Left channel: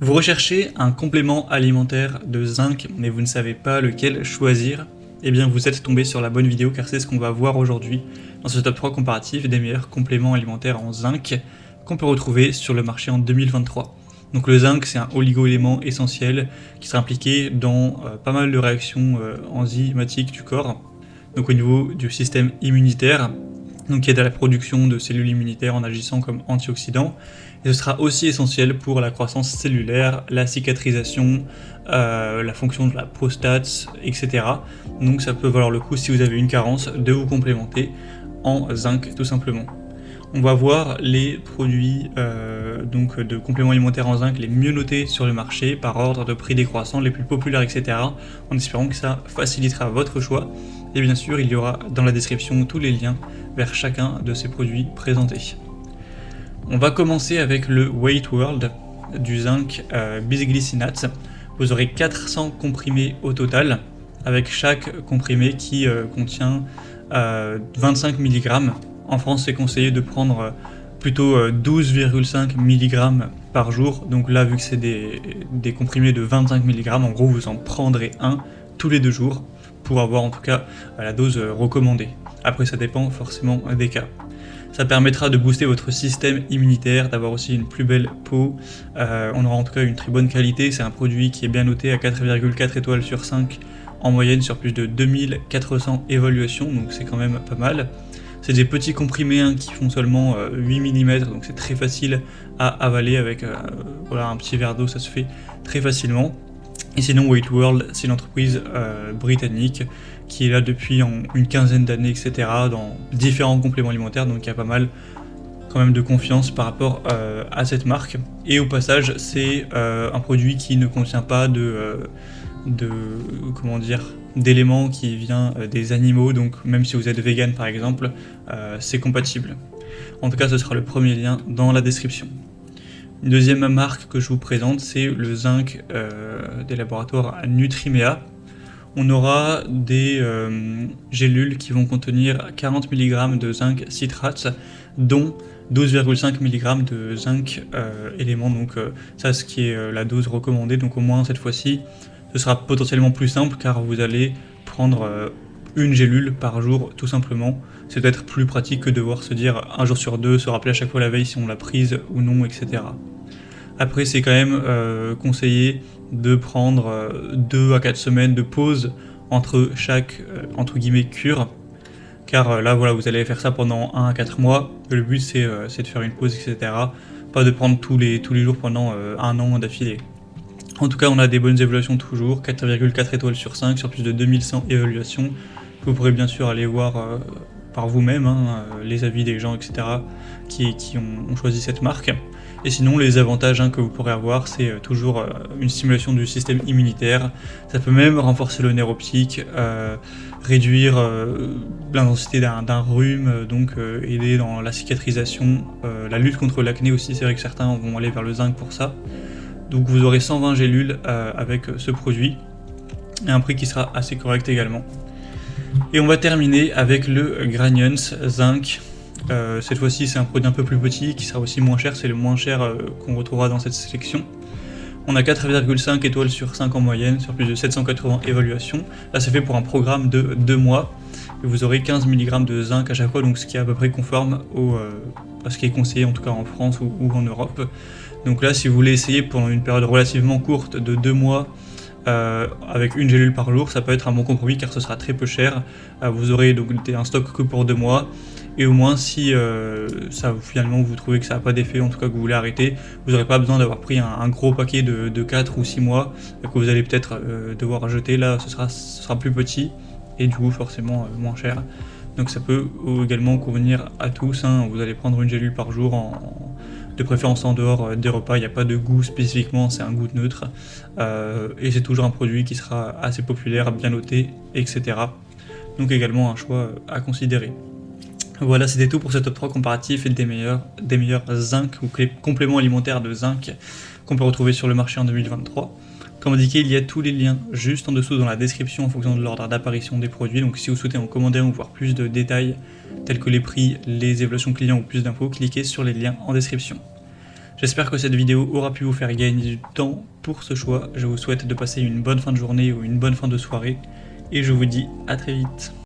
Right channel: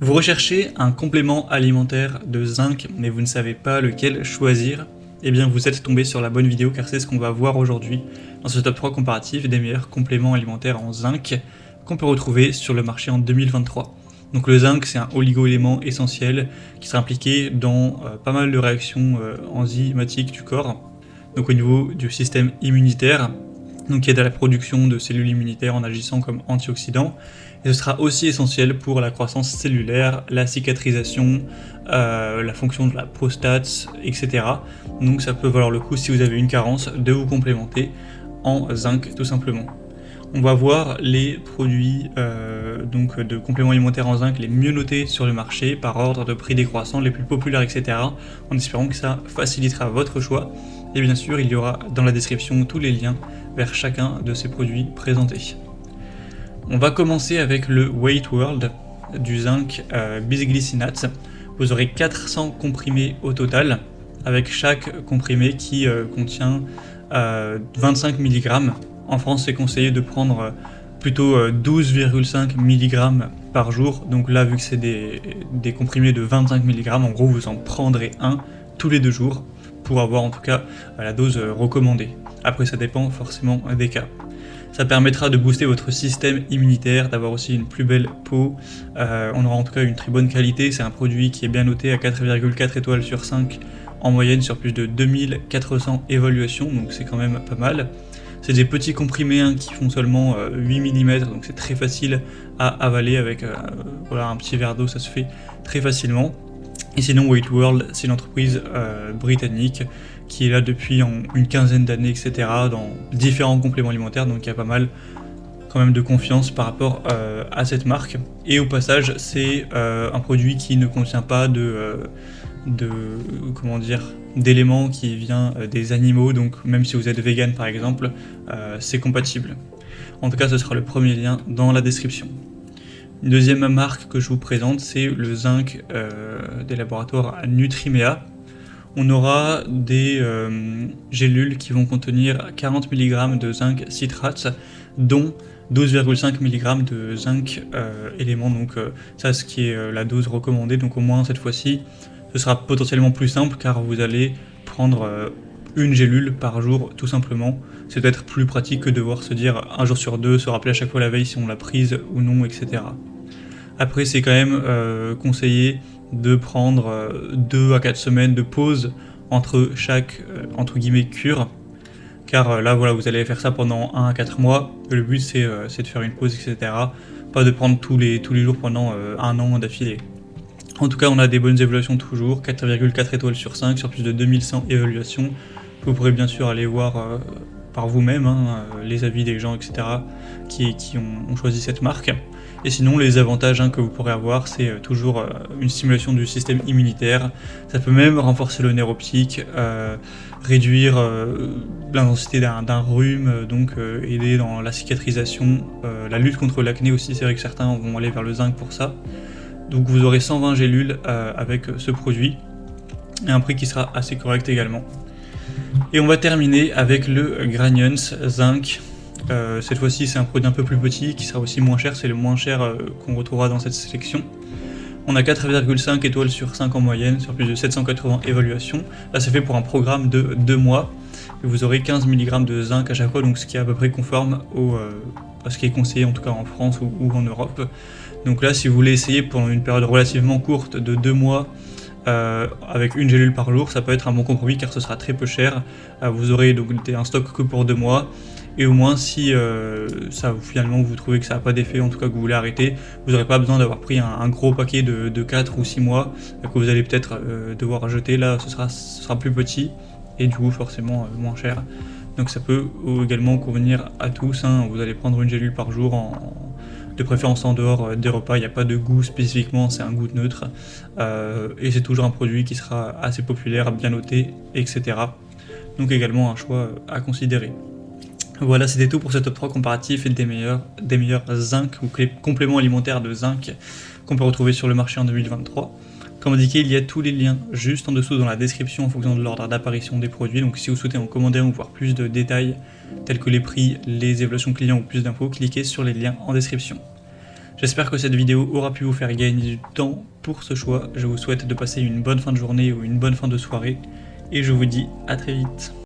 Vous recherchez un complément alimentaire de zinc, mais vous ne savez pas lequel choisir? Eh bien, vous êtes tombé sur la bonne vidéo car c'est ce qu'on va voir aujourd'hui dans ce top 3 comparatif des meilleurs compléments alimentaires en zinc qu'on peut retrouver sur le marché en 2023. Donc le zinc, c'est un oligo-élément essentiel qui sera impliqué dans pas mal de réactions enzymatiques du corps, donc au niveau du système immunitaire, qui aide à la production de cellules immunitaires en agissant comme antioxydant. Et ce sera aussi essentiel pour la croissance cellulaire, la cicatrisation, la fonction de la prostate, etc. Donc ça peut valoir le coup, si vous avez une carence, de vous complémenter en zinc tout simplement. On va voir les produits donc de compléments alimentaires en zinc les mieux notés sur le marché par ordre de prix décroissant, les plus populaires, etc. En espérant que ça facilitera votre choix. Et bien sûr, il y aura dans la description tous les liens vers chacun de ces produits présentés. On va commencer avec le Weight World du zinc bisglycinate. Vous aurez 400 comprimés au total, avec chaque comprimé qui contient 25 mg. En France, c'est conseillé de prendre plutôt 12,5 mg par jour. Donc là, vu que c'est des comprimés de 25 mg, en gros, vous en prendrez un tous les 2 jours pour avoir en tout cas la dose recommandée. Après, ça dépend forcément des cas. Ça permettra de booster votre système immunitaire, d'avoir aussi une plus belle peau. On aura en tout cas une très bonne qualité. C'est un produit qui est bien noté à 4,4 étoiles sur 5 en moyenne sur plus de 2400 évaluations, donc c'est quand même pas mal. C'est des petits comprimés qui font seulement 8 mm, donc c'est très facile à avaler avec voilà, un petit verre d'eau, ça se fait très facilement. Et sinon, Weight World, c'est une entreprise britannique qui est là depuis une quinzaine d'années, etc., dans différents compléments alimentaires, donc il y a pas mal quand même de confiance par rapport à cette marque. Et au passage, c'est un produit qui ne contient pas d'éléments qui viennent des animaux, donc même si vous êtes vegan par exemple, c'est compatible. En tout cas, ce sera le premier lien dans la description. Une deuxième marque que je vous présente, c'est le zinc des laboratoires Nutrimea. On aura des gélules qui vont contenir 40 mg de zinc citrate, dont 12,5 mg de zinc élément, donc ça ce qui est la dose recommandée, donc au moins cette fois-ci ce sera potentiellement plus simple car vous allez prendre une gélule par jour tout simplement. C'est peut-être plus pratique que de devoir se dire un jour sur deux, se rappeler à chaque fois la veille si on l'a prise ou non, etc. Après, c'est quand même conseillé de prendre 2 à 4 semaines de pause entre chaque entre guillemets cure, car là voilà, vous allez faire ça pendant 1 à 4 mois. Le but c'est de faire une pause, etc. Pas de prendre tous les jours pendant un an d'affilée. En tout cas, on a des bonnes évaluations toujours, 4,4 étoiles sur 5 sur plus de 2100 évaluations. Vous pourrez bien sûr aller voir par vous-même les avis des gens, etc. qui ont choisi cette marque. Et sinon, les avantages que vous pourrez avoir, c'est toujours une stimulation du système immunitaire. Ça peut même renforcer le nerf optique, réduire l'intensité d'un rhume, donc aider dans la cicatrisation, la lutte contre l'acné aussi. C'est vrai que certains vont aller vers le zinc pour ça. Donc vous aurez 120 gélules avec ce produit, et un prix qui sera assez correct également. Et on va terminer avec le Granions Zinc. Cette fois-ci, c'est un produit un peu plus petit qui sera aussi moins cher, c'est le moins cher qu'on retrouvera dans cette sélection. On a 4,5 étoiles sur 5 en moyenne, sur plus de 780 évaluations. Là, c'est fait pour un programme de 2 mois. Et vous aurez 15 mg de zinc à chaque fois, donc ce qui est à peu près conforme à ce qui est conseillé en tout cas en France ou en Europe. Donc là, si vous voulez essayer pendant une période relativement courte de 2 mois, avec une gélule par jour, ça peut être un bon compromis car ce sera très peu cher. Vous aurez donc un stock que pour 2 mois, et au moins si finalement vous trouvez que ça n'a pas d'effet, en tout cas que vous voulez arrêter, vous n'aurez pas besoin d'avoir pris un gros paquet de 4 ou 6 mois que vous allez peut-être devoir jeter. Là ce sera plus petit et du coup forcément moins cher. Donc ça peut également convenir à tous, vous allez prendre une gélule par jour de préférence en dehors des repas, il n'y a pas de goût spécifiquement, c'est un goût neutre, et c'est toujours un produit qui sera assez populaire, bien noté, etc. Donc également un choix à considérer. Voilà, c'était tout pour ce top 3 comparatif des meilleurs zinc ou compléments alimentaires de zinc qu'on peut retrouver sur le marché en 2023. Comme indiqué, il y a tous les liens juste en dessous dans la description en fonction de l'ordre d'apparition des produits. Donc si vous souhaitez en commander ou voir plus de détails tels que les prix, les évaluations clients ou plus d'infos, cliquez sur les liens en description. J'espère que cette vidéo aura pu vous faire gagner du temps pour ce choix. Je vous souhaite de passer une bonne fin de journée ou une bonne fin de soirée et je vous dis à très vite.